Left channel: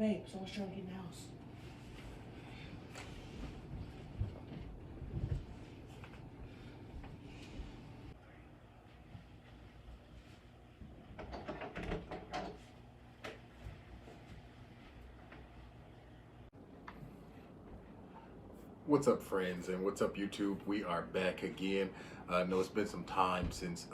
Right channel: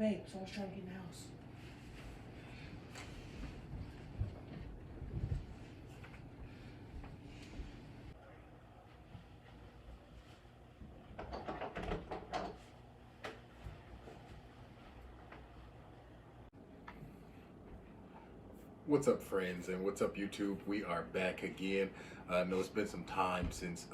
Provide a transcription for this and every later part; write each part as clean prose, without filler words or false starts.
Babe, so I was trying to get in the house. What's up, friends, and what's up, YouTube? We are back again. I know it's been some time since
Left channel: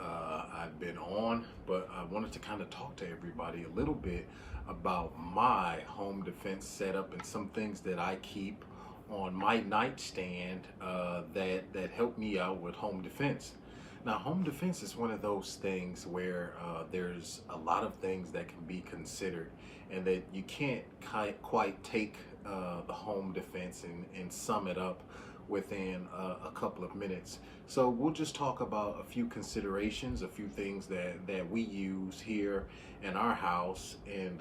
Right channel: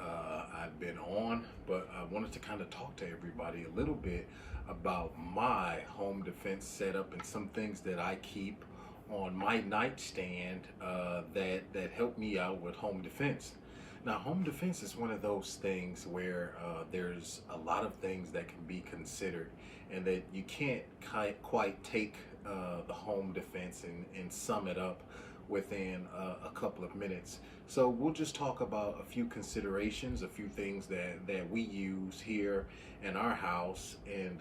I've been on, but I wanted to kind of talk to everybody a little bit about my home defense setup and some things that I keep on my nightstand that help me out with home defense. Now, home defense is one of those things where there's a lot of things that can be considered, and that you can't quite take the home defense and sum it up within a couple of minutes. So we'll just talk about a few considerations, a few things that we use here in our house, and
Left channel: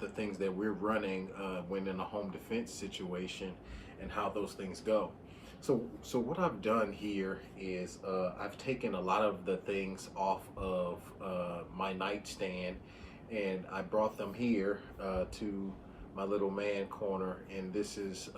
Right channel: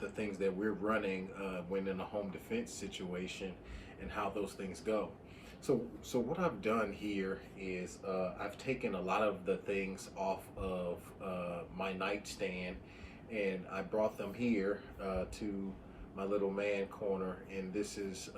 the things that we're running when in a home defense situation, and how those things go. So what I've done here is I've taken a lot of the things off of my nightstand, and I brought them here to my little man corner, and this is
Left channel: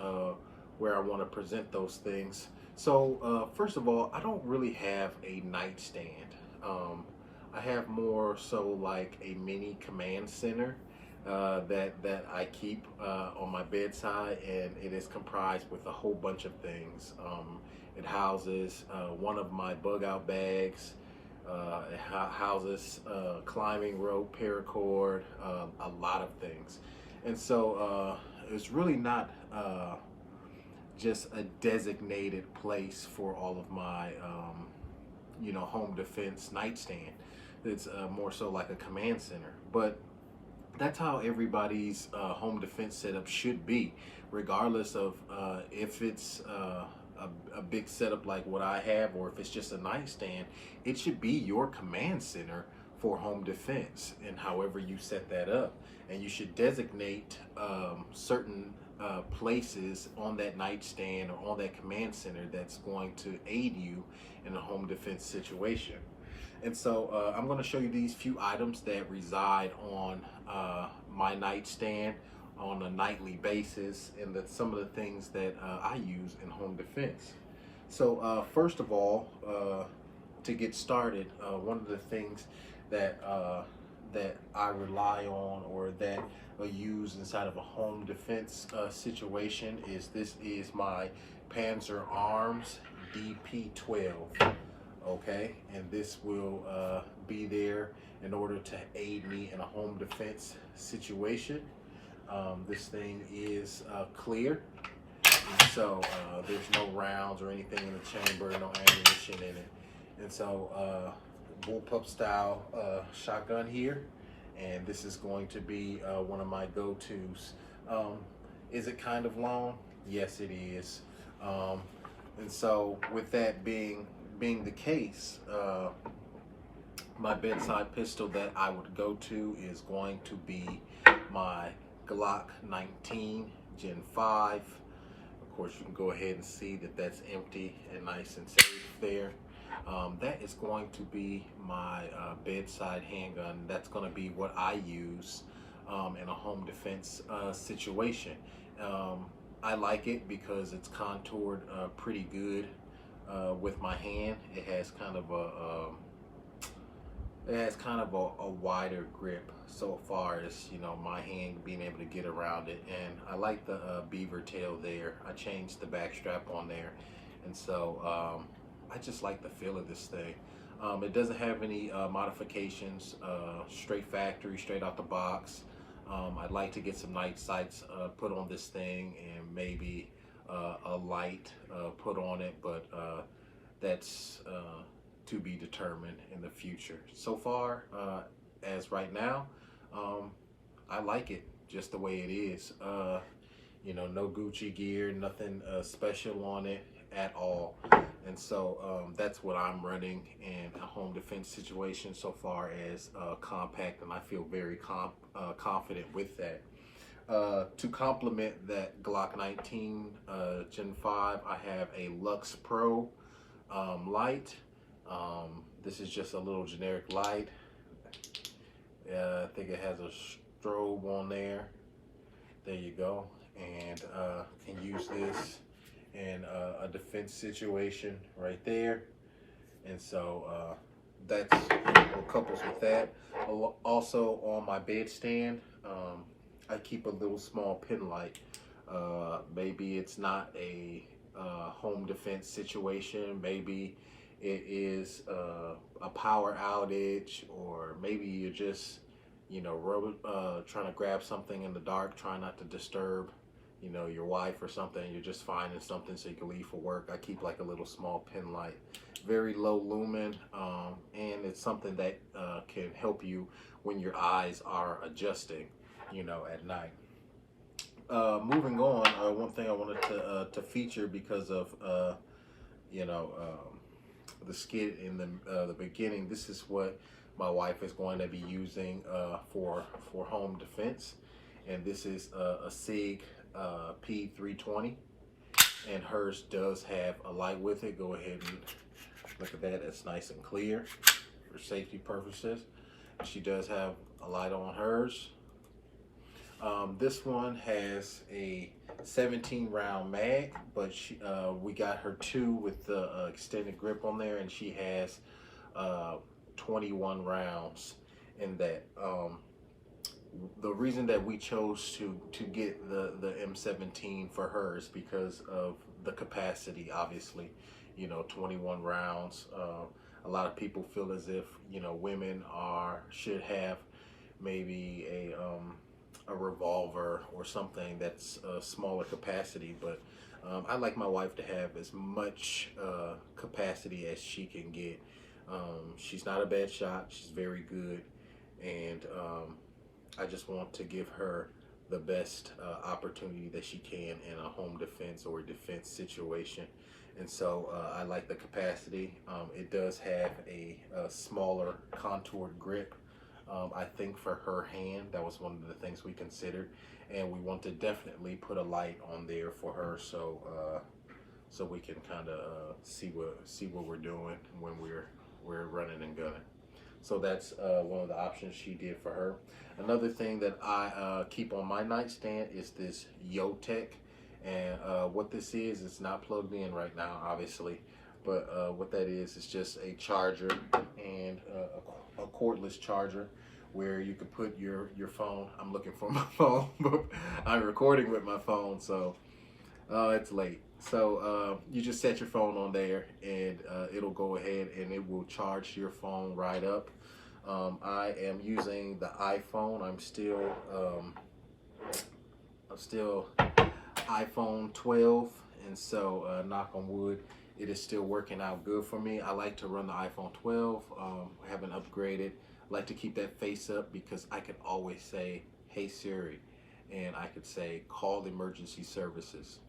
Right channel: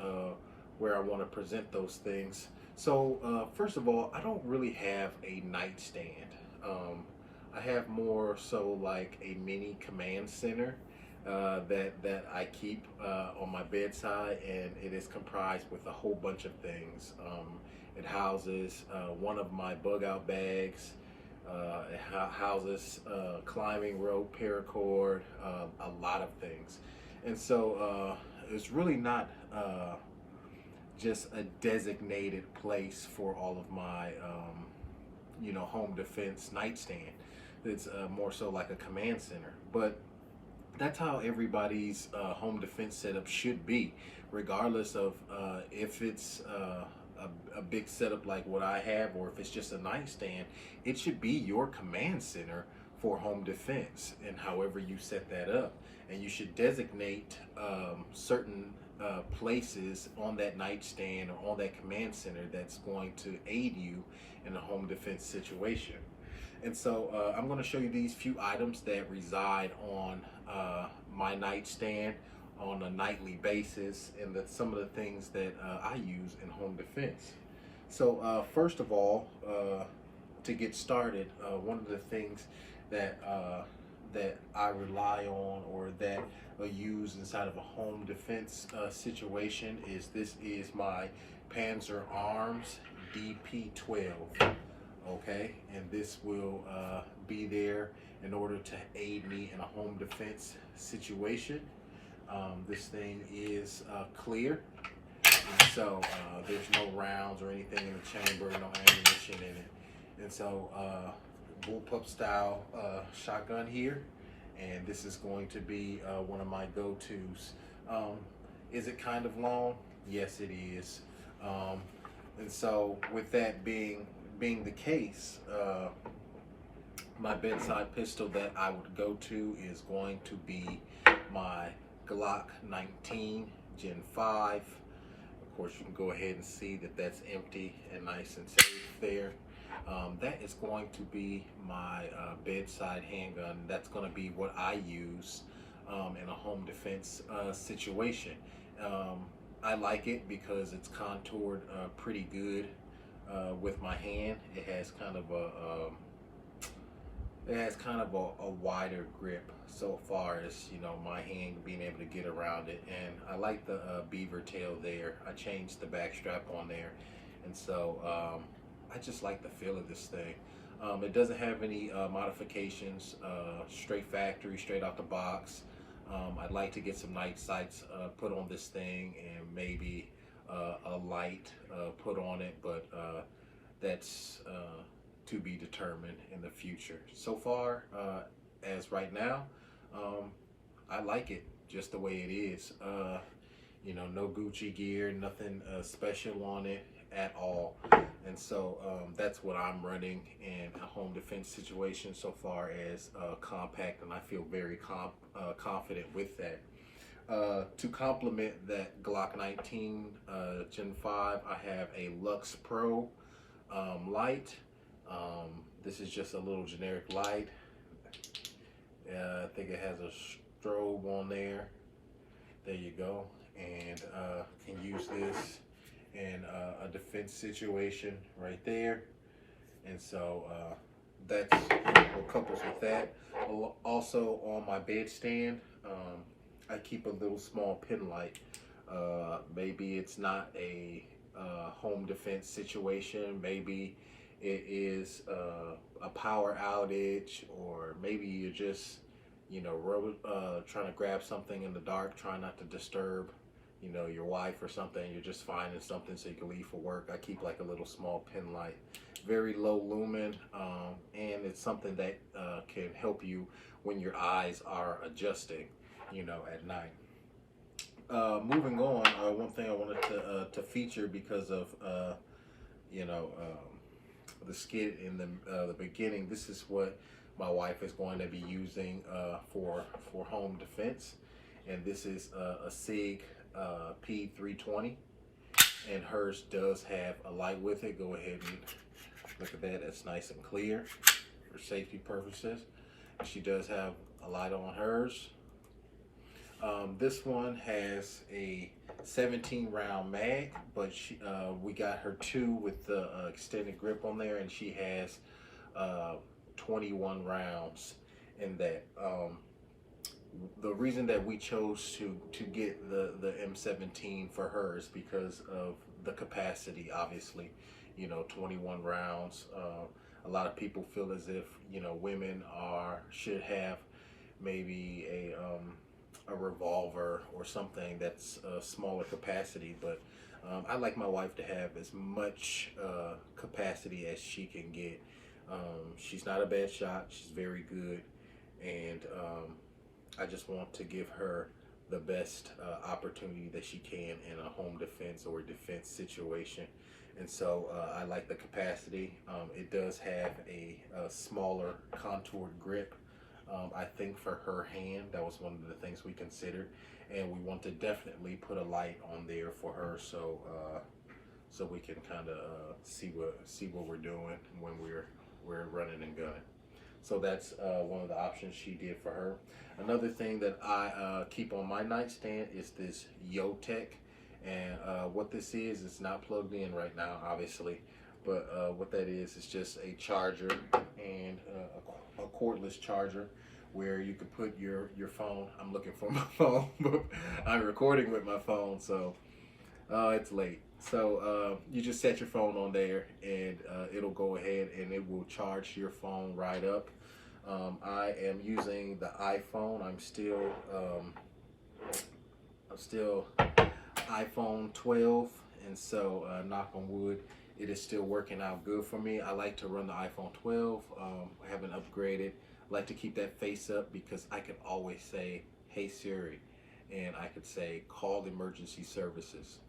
where I want to present those things. So first of all, I don't really have a nightstand. I have more so like a mini command center that I keep on my bedside, and it is comprised with a whole bunch of things. It houses one of my bug out bags. It houses climbing rope, paracord, a lot of things. And so it's really not just a designated place for all of my, home defense nightstand. It's more so like a command center. But that's how everybody's home defense setup should be, regardless of if it's a big setup like what I have, or if it's just a nightstand. It should be your command center for home defense, and however you set that up. And you should designate certain places on that nightstand or on that command center that's going to aid you in a home defense situation. And so I'm going to show you these few items that reside on my nightstand on a nightly basis, and that's some of the things that I use in home defense. So first of all, to get started, one of the things that I rely on, or that I use inside of a home defense situation, is my Panzer Arms DP12. Okay, and this will be there in order to aid me in a home defense situation. This thing is clear, so there's no rounds or anything in the chamber, no ammunition in it. And so bullpup style shotgun here, and this is going to be one of my go-tos. Is it kind of long? Yes, it is. And so with that being the case, my bedside pistol that I would go to is going to be my Glock 19 Gen 5. Of course, you can go ahead and see that that's empty and nice and safe there. That is going to be my bedside handgun. That's going to be what I use in a home defense situation. I like it because it's contoured pretty good with my hand. It has kind of a wider grip, so far as my hand being able to get around it. And I like the beaver tail there. I changed the back strap on there, and so I just like the feel of this thing. It doesn't have any modifications, straight factory, straight out the box. I'd like to get some night sights put on this thing, and maybe a light put on it, but that's to be determined in the future. So far, as right now, I like it just the way it is. No Gucci gear, nothing special on it at all. And so that's what I'm running in a home defense situation so far as compact, and I feel very confident with that. To complement that Glock 19 Gen 5, I have a Lux Pro light. This is just a little generic light. I think it has a strobe on there. There you go. And can use this in a defense situation right there. And so that's what couples with that. Also on my bedstand, I keep a little small pin light. Maybe it's not a home defense situation. Maybe it is a power outage, or maybe you're just, you know, trying to grab something in the dark, trying not to disturb, you know, your wife or something. You're just finding something so you can leave for work. I keep like a little small pin light, very low lumen, and it's something that can help you when your eyes are adjusting, you know, at night. Moving on, one thing I wanted to feature because of you know, the skit in the beginning. This is what my wife is going to be using for home defense, and this is a SIG P320, and hers does have a light with it. Go ahead and look at that. It's nice and clear for safety purposes. She does have a light on hers. This one has a 17 round mag, but we got her 2 with the extended grip on there, and she has 21 rounds in that. The reason that we chose to get the M17 for her is because of the capacity. Obviously, you know, 21 rounds. A lot of people feel as if, you know, women should have maybe a revolver or something that's a smaller capacity, but I like my wife to have as much capacity as she can get. She's not a bad shot. She's very good, and I just want to give her the best opportunity that she can in a home defense or defense situation. And so I like the capacity. It does have a smaller contoured grip. I think for her hand, that was one of the things we considered, and we want to definitely put a light on there for her, so so we can kind of see what we're doing when we're running and gunning. So that's one of the options she did for her. Another thing that I keep on my nightstand is this Yotech, and what this is, it's not plugged in right now, obviously, but what that is just a charger and a cordless charger where you could put your phone. I'm looking for my phone, but I'm recording with my phone, so it's late. So you just set your phone on there, and it'll go ahead and it will charge your phone right up. I am using the iPhone. I'm still iPhone 12, and so knock on wood, it is still working out good for me. I like to run the iPhone 12. I haven't upgraded. I like to keep that face up because I could always say, "Hey Siri," and I could say, "Call emergency services,"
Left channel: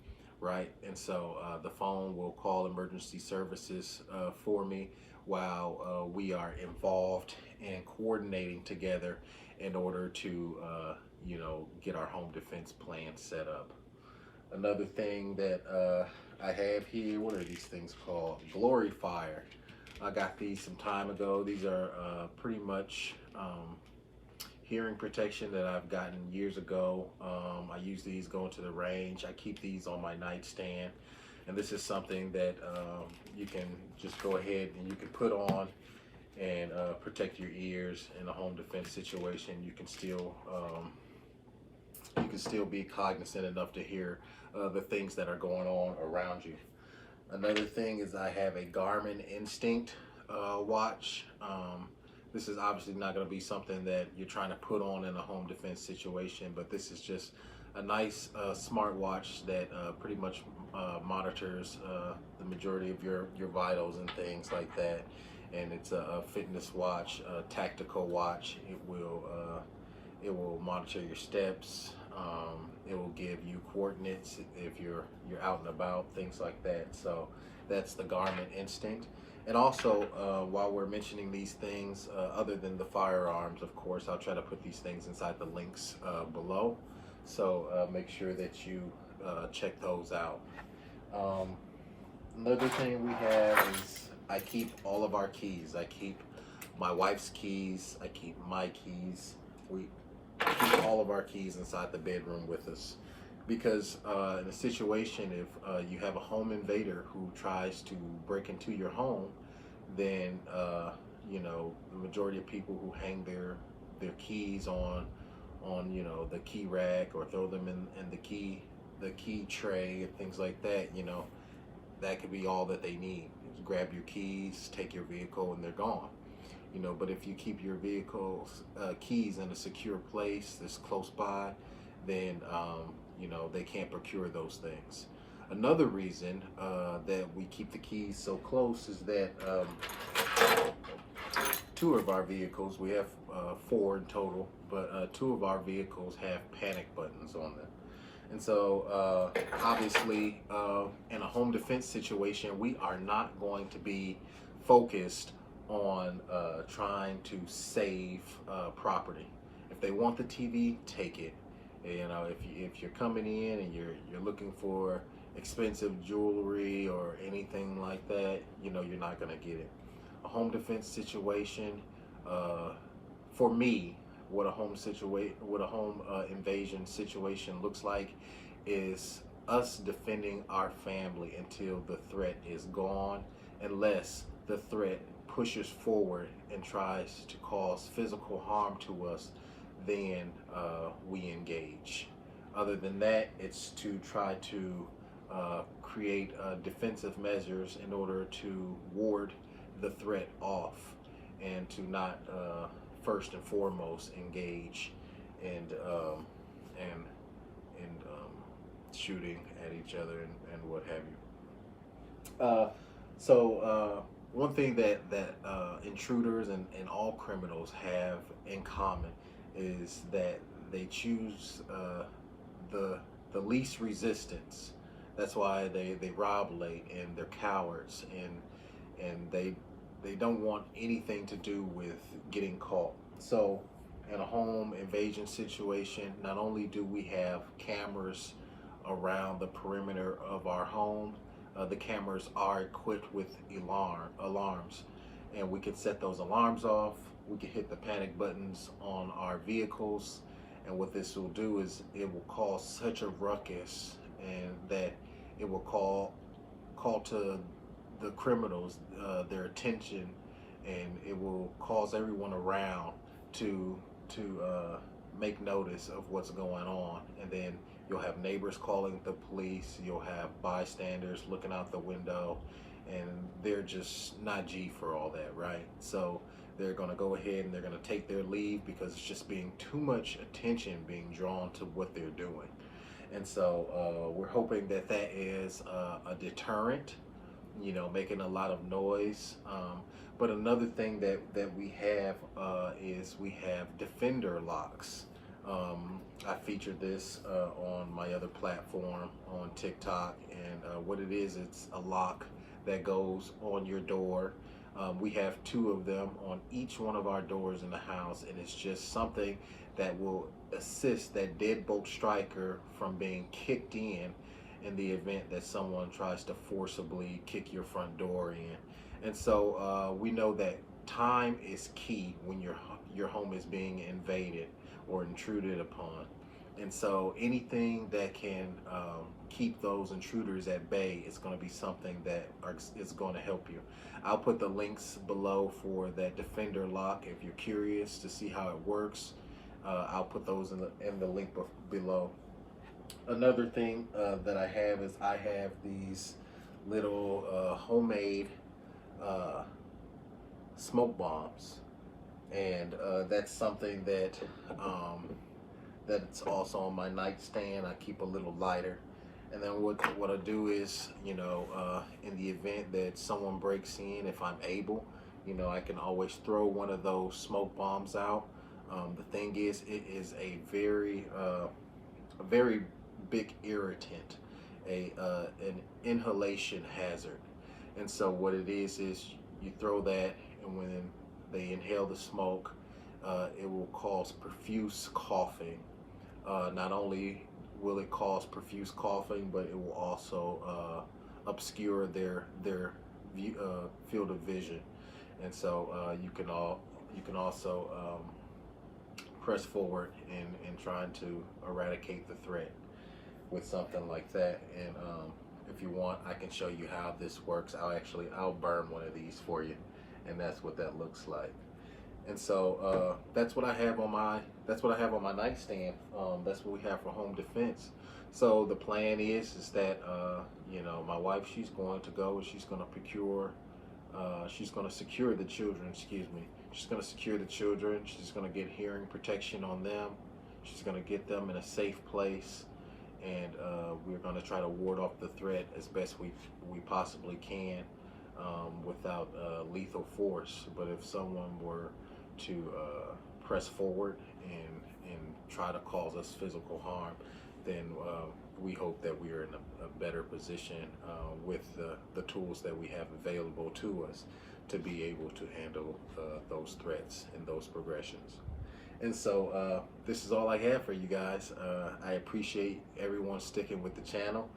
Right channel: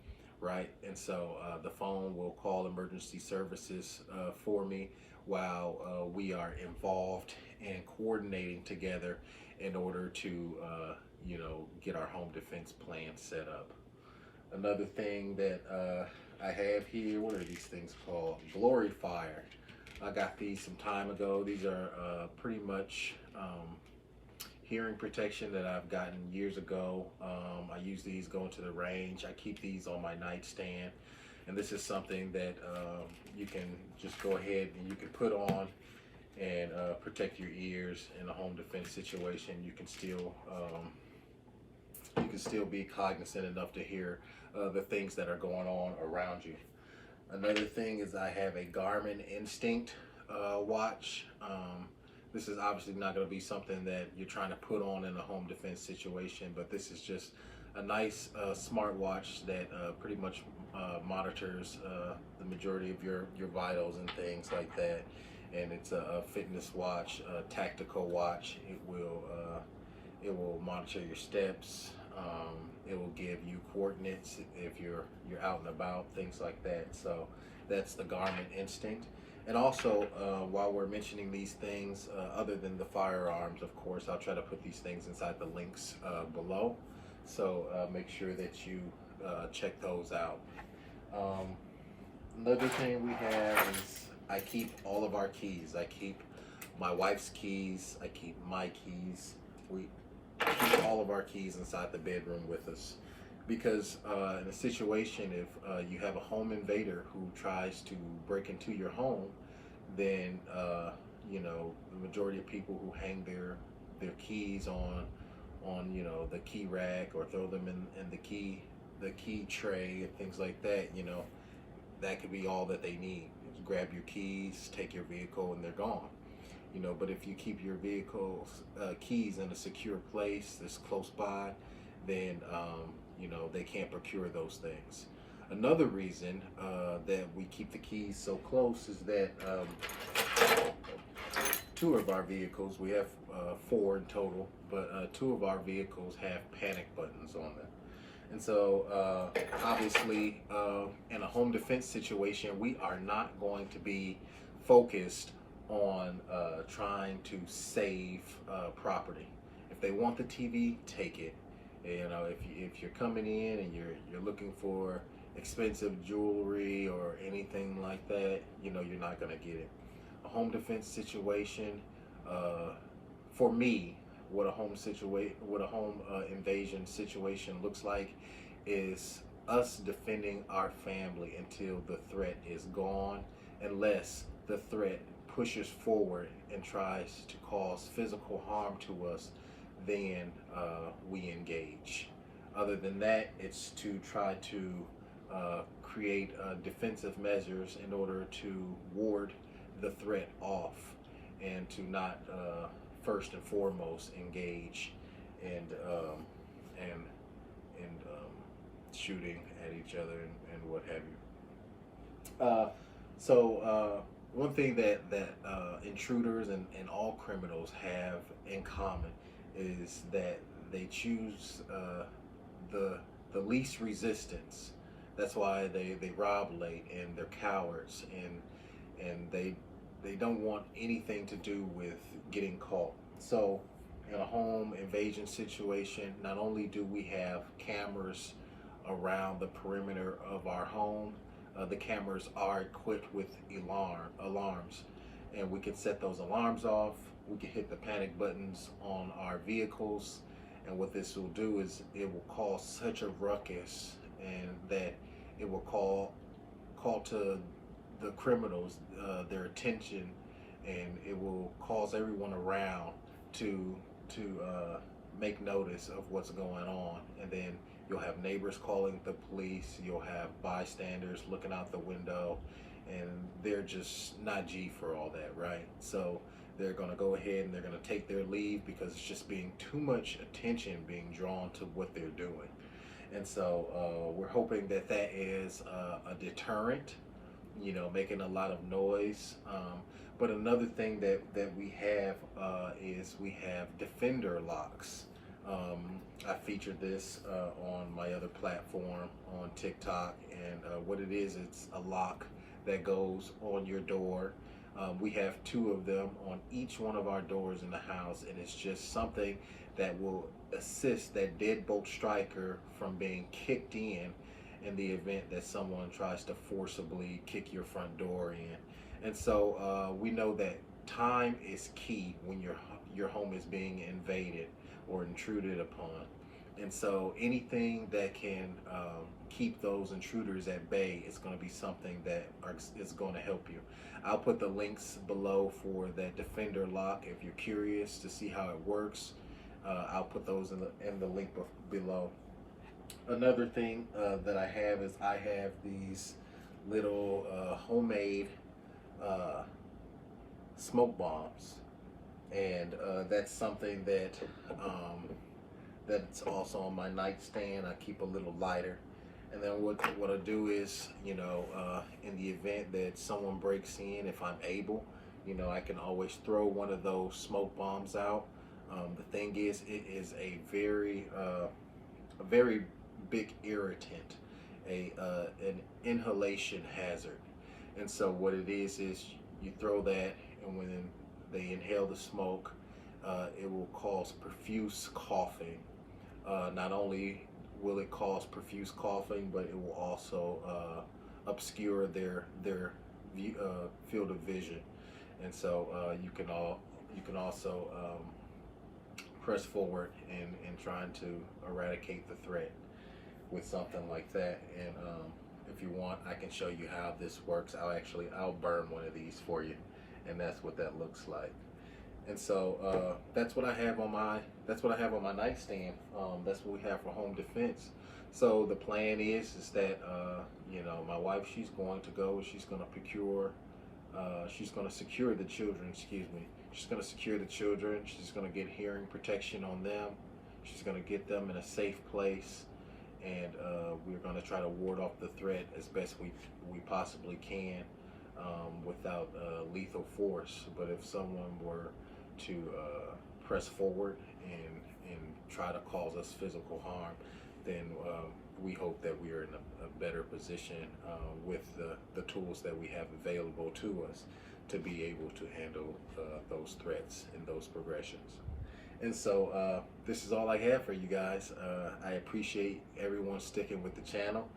right? And so the phone will call emergency services for me while we are involved and coordinating together in order to you know, get our home defense plan set up. Another thing that I have here, what are these things called? Glory Fire. I got these some time ago. These are pretty much hearing protection that I've gotten years ago. I use these going to the range. I keep these on my nightstand, and this is something that you can just go ahead and you can put on and protect your ears in a home defense situation. You can still be cognizant enough to hear the things that are going on around you. Another thing is I have a Garmin Instinct watch. This is obviously not going to be something that you're trying to put on in a home defense situation, but this is just a nice smart watch that pretty much monitors the majority of your vitals and things like that. And it's a fitness watch, a tactical watch. It will monitor your steps. It will give you coordinates if you're out and about, things like that. So that's the Garmin Instinct. And also, while we're mentioning these things, other than the firearms, of course, I'll try to put these things inside the links below. So make sure that you check those out. Another thing we have is I keep all of our keys. I keep my wife's keys. I keep my keys. keep all of our keys inside the bedroom with us. Because in a situation, if you have a home invader who tries to break into your home, then the majority of people who hang their keys on the key rack, or throw them in the key tray and things like that, that could be all that they need. Grab your keys, take your vehicle, and they're gone. But if you keep your vehicle's keys in a secure place that's close by, then they can't procure those things. Another reason that we keep the keys so close is that two of our vehicles, we have 4 in total, but 2 of our vehicles have panic buttons on them. And so obviously in a home defense situation, we are not going to be focused on trying to save property. If they want the TV, take it. If you're coming in and you're looking for expensive jewelry or anything like that, you're not going to get it. A home defense situation, for me, what a home invasion situation looks like is us defending our family until the threat is gone, unless the threat pushes forward and tries to cause physical harm to us. Then we engage. Other than that, it's to try to create defensive measures in order to ward the threat off, and to not first and foremost engage and shooting at each other and what have you. So one thing that intruders and all criminals have in common is that they choose the least resistance. That's why they rob late, and they're cowards, and they don't want anything to do with getting caught. So in a home invasion situation, not only do we have cameras around the perimeter of our home, the cameras are equipped with alarms, and we can set those alarms off. We can hit the panic buttons on our vehicles, and what this will do is it will cause such a ruckus, and that it will call to the criminals their attention, and it will cause everyone around to make notice of what's going on. And then you'll have neighbors calling the police, you'll have bystanders looking out the window, and they're just not G for all that, right? So they're going to go ahead and they're going to take their leave, because it's just being too much attention being drawn to what they're doing. And so we're hoping that is a deterrent, making a lot of noise. But another thing that we have is we have Defender locks. I featured this on my other platform on TikTok, and what it is, it's a lock that goes on your door. We have 2 of them on each one of our doors in the house, and it's just something that will assist that deadbolt striker from being kicked in the event that someone tries to forcibly kick your front door in. And so we know that time is key when your home is being invaded or intruded upon. And so anything that can keep those intruders at bay is going to be something that is going to help you. I'll put the links below for that Defender lock if you're curious to see how it works. I'll put those in the link below. Another thing that I have is I have these little homemade smoke bombs, and that's something that it's also on my nightstand. I keep a little lighter, and then what I do is, in the event that someone breaks in, if I'm able, I can always throw one of those smoke bombs out. The thing is, it is a very big irritant, an inhalation hazard. And so what it is you throw that, and when they inhale the smoke, it will cause profuse coughing. Not only will it cause profuse coughing, but it will also obscure their field of vision. And so you can also press forward in trying to eradicate the threat with something like that. And if you want, I can show you how this works. I'll burn one of these for you, and that's what that looks like. And so that's what I have on my nightstand. That's what we have for home defense. So the plan is that you know, my wife, she's going to go and she's going to secure the children. Excuse me. She's going to secure the children. She's going to get hearing protection on them. She's going to get them in a safe place, and we're going to try to ward off the threat as best we possibly can, without lethal force. But if someone were to press forward and try to cause us physical harm, then we hope that we are in a better position with the tools that we have available to us to be able to handle those threats and those progressions. And so this is all I have for you guys. I appreciate everyone sticking with the channel.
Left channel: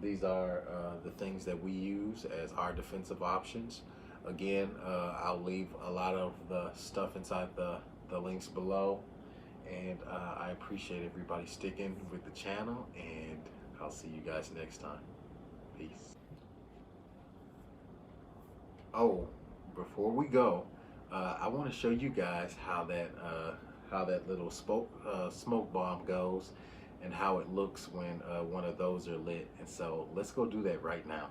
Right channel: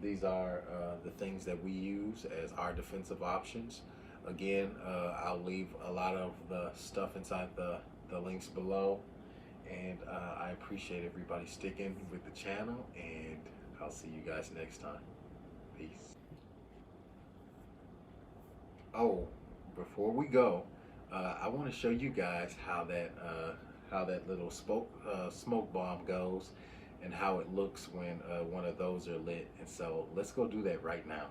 These are the things that we use as our defensive options. Again, I'll leave a lot of the stuff inside the links below. And I appreciate everybody sticking with the channel, and I'll see you guys next time. Peace. Oh, before we go, I want to show you guys how that little smoke bomb goes, and how it looks when one of those are lit. And so let's go do that right now.